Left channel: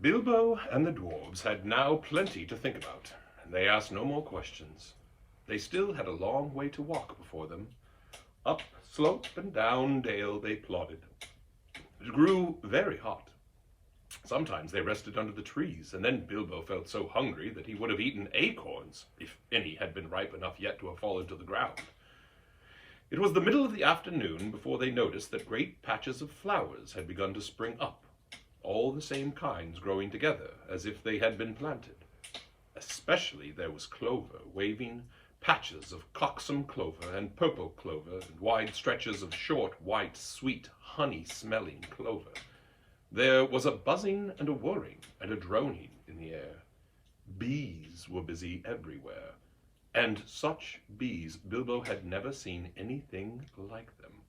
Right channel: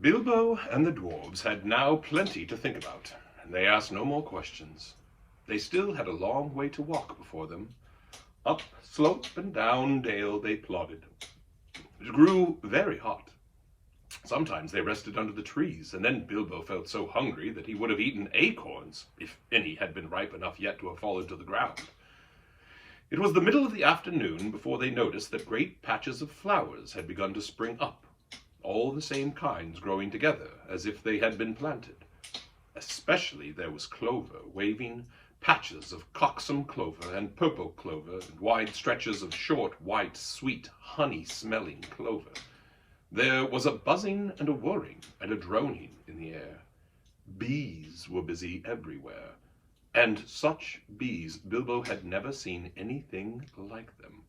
Bilbo and the dwarves had now plenty to think about, and they asked no more questions. They still had a long way to walk before them. Up slope and down dale they plodded. It grew very hot. Sometimes they rested under the trees, and then Bilbo felt so hungry that he would have eaten acorns, if any had been ripe enough yet to have fallen to the ground. It was the middle of the afternoon before they noticed that great patches of flowers had begun to spring up, all the same kinds growing together as if they had been planted. Especially there was clover, waving patches of cockscomb clover and purple clover, and wide stretches of short, white, sweet, honey-smelling clover. There was a buzzing and a whirring and a droning in the air. Bees were busy everywhere, and such bees Bilbo had never seen anything like them.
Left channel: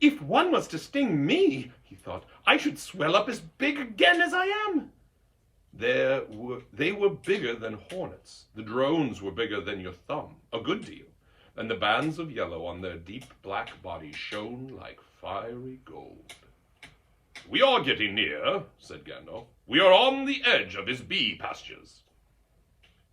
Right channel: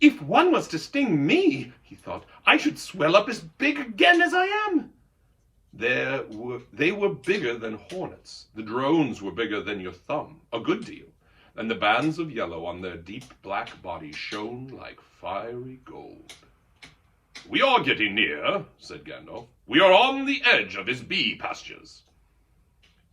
"If one was to sting me," he thought, "I should swell up as big again as I am." They were bigger than hornets. The drones were bigger than your thumb, a good deal, and the bands of yellow on their deep black bodies shone like fiery gold. "We are getting near," said Gandalf. "We are on the edge of his bee pastures."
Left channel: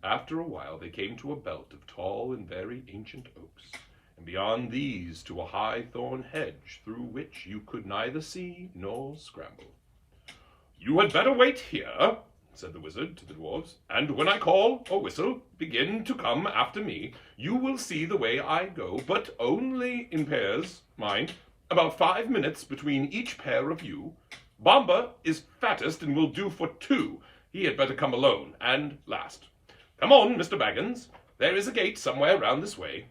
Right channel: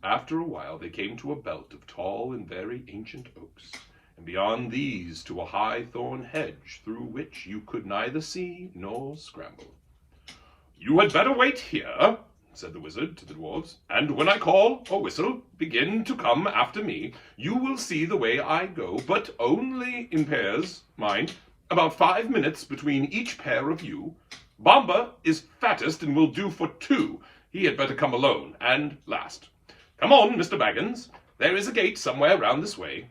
After a while they came to a belt of tall and very ancient oaks, and beyond these to a high thorn hedge through which you could neither see nor scramble. "You had better wait here," said the wizard to the dwarves, "and when I call or whistle, begin to come after me. You will see the way I go, but only in pairs, mind. About 5 minutes between each pair of you. Bomba is fattest and will do for 2. He had better come alone, and last. Come on, Mr. Baggins. There is a gate somewhere round this way."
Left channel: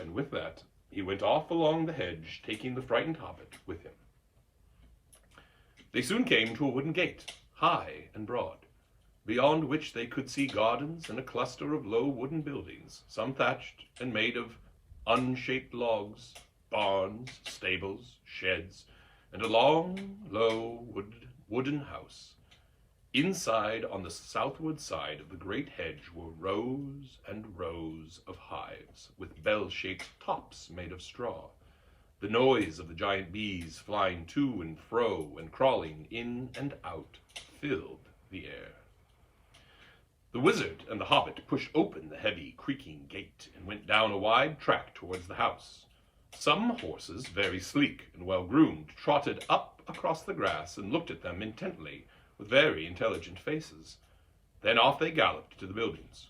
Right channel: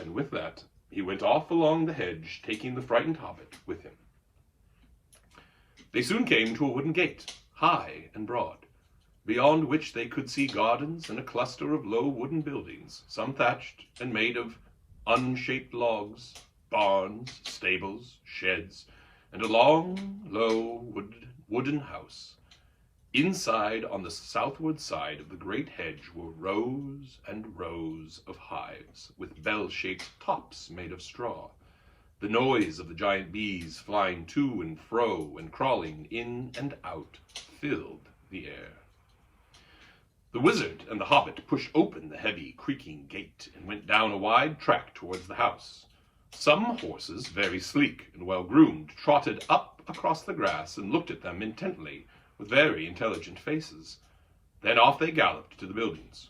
And with that, he went off along the hedge, taking the frightened hobbit with him. They soon came to a wooden gate, high and broad, beyond which they could see gardens and a cluster of low wooden buildings, some thatched and made of unshaped logs, barns, stables, sheds, and a long, low wooden house. Inside, on the southward side of the great hedge, were rows and rows of hives, with bell-shaped tops made of straw. The noise of the giant bees flying to and fro and crawling in and out filled the air. The wizard and the hobbit pushed open the heavy, creaking gate and went down a wide track towards the house. Some horses, very sleek and well-groomed, trotted up across the grass and looked at them intently, with very intelligent faces. Then off they galloped to the buildings.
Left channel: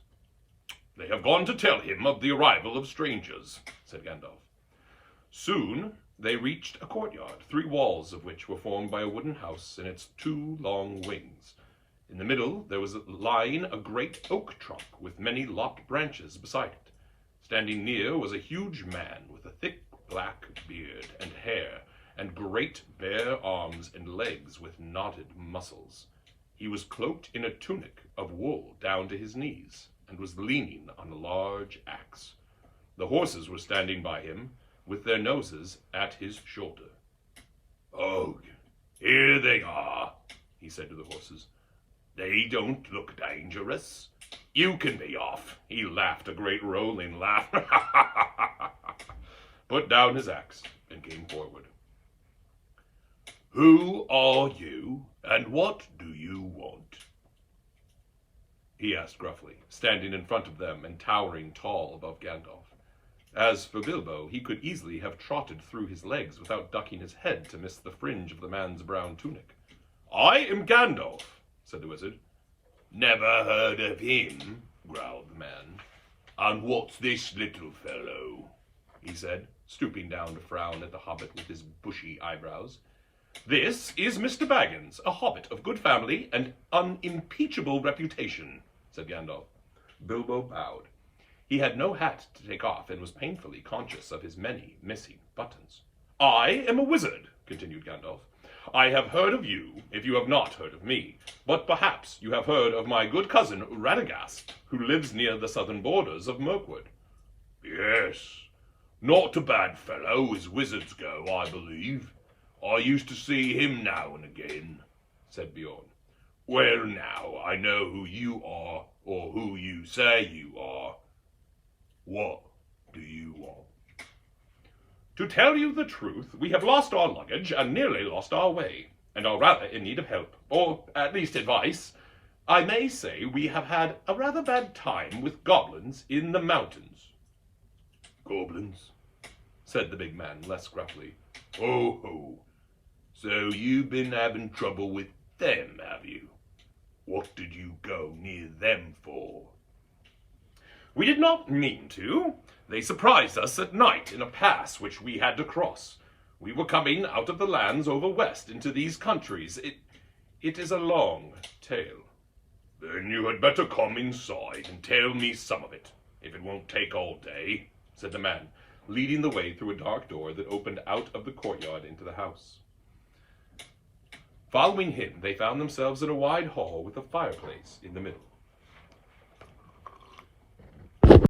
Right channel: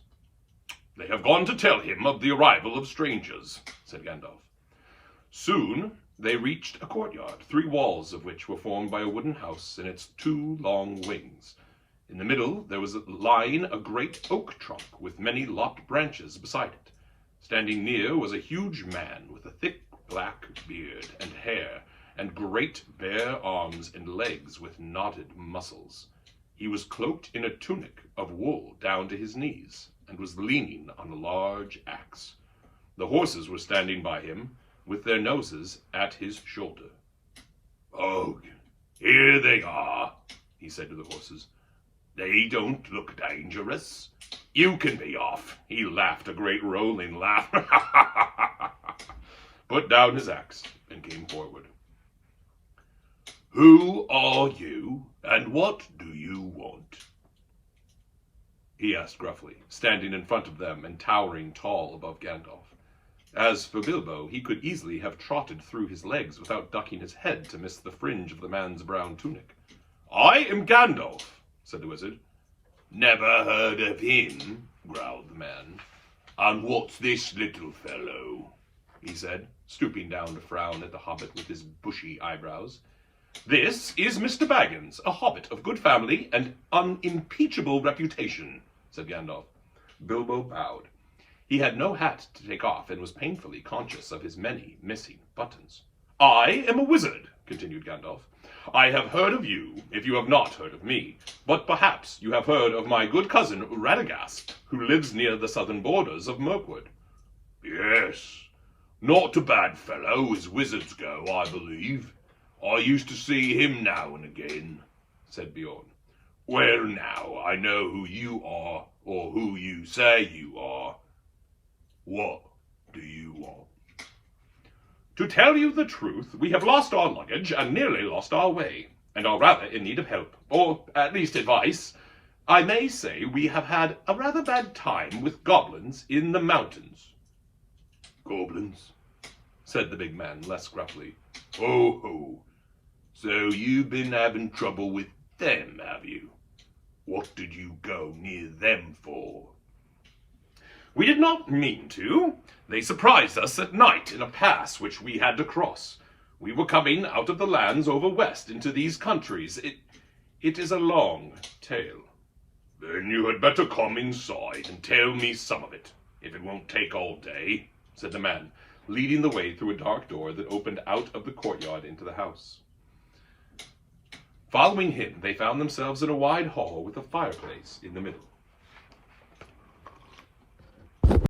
"They have gone to tell him of the arrival of strangers," said Gandalf. Soon they reached a courtyard, 3 walls of which were formed by a wooden house and its 2 long wings. In the middle there was lying a great oak trunk with many lopped branches beside it. Standing near was a huge man with a thick black beard and hair, and great bare arms and legs with knotted muscles. He was cloaked in a tunic of wool down to his knees, and was leaning on a large axe. The horses were standing by him, with their noses at his shoulder. "Oh, here they are," he said to the horses. "They don't look dangerous. You can be off." He laughed a great rolling laugh, put down his axe, and came forward. "Who are you, and what do you want?" he asked gruffly, standing in front of them and towering tall above Gandalf. As for Bilbo, he could easily have trotted through his legs without ducking his head to miss the fringe of the man's brown tunic. "I am Gandalf," said the wizard. "Never heard of him," growled the man. "And what's this little fellow?" he said, stooping down to frown at the hobbit with his bushy eyebrows. "This is Mr. Baggins, a hobbit of good family and unimpeachable reputation," said Gandalf. Bilbo bowed. He had no hat to take off and was painfully conscious of his many missing buttons. "I am a wizard," continued Gandalf. "I have heard of you, if you have not heard of me, but perhaps you have heard of my good cousin Radagast, who lives near the southern borders of Mirkwood." "Yes, not a bad fellow as wizards go, I believe. I used to see him now and again," said Beorn. "Well now, I know who you are, or who you say you are. What do you want?" "To tell you the truth, we have lost our luggage and nearly lost our way. and are rather in need of help, or at least advice. I may say we have had a rather bad time with goblins in the mountains." "Goblins?" said the big man, less gruffly. "Ho, ho. So you've been having trouble with them, have you? What did you go near them for?" "We did not mean to. They surprised us at night in a pass which we had to cross. We were coming out of the lands over west into these countries. It is a long tale." "Then you had better come inside and tell me some of it, if it won't take all day," said the man, leading the way through a dark door that opened out of the courtyard into the house. Following him, they found themselves in a wide hall with a fireplace in the middle.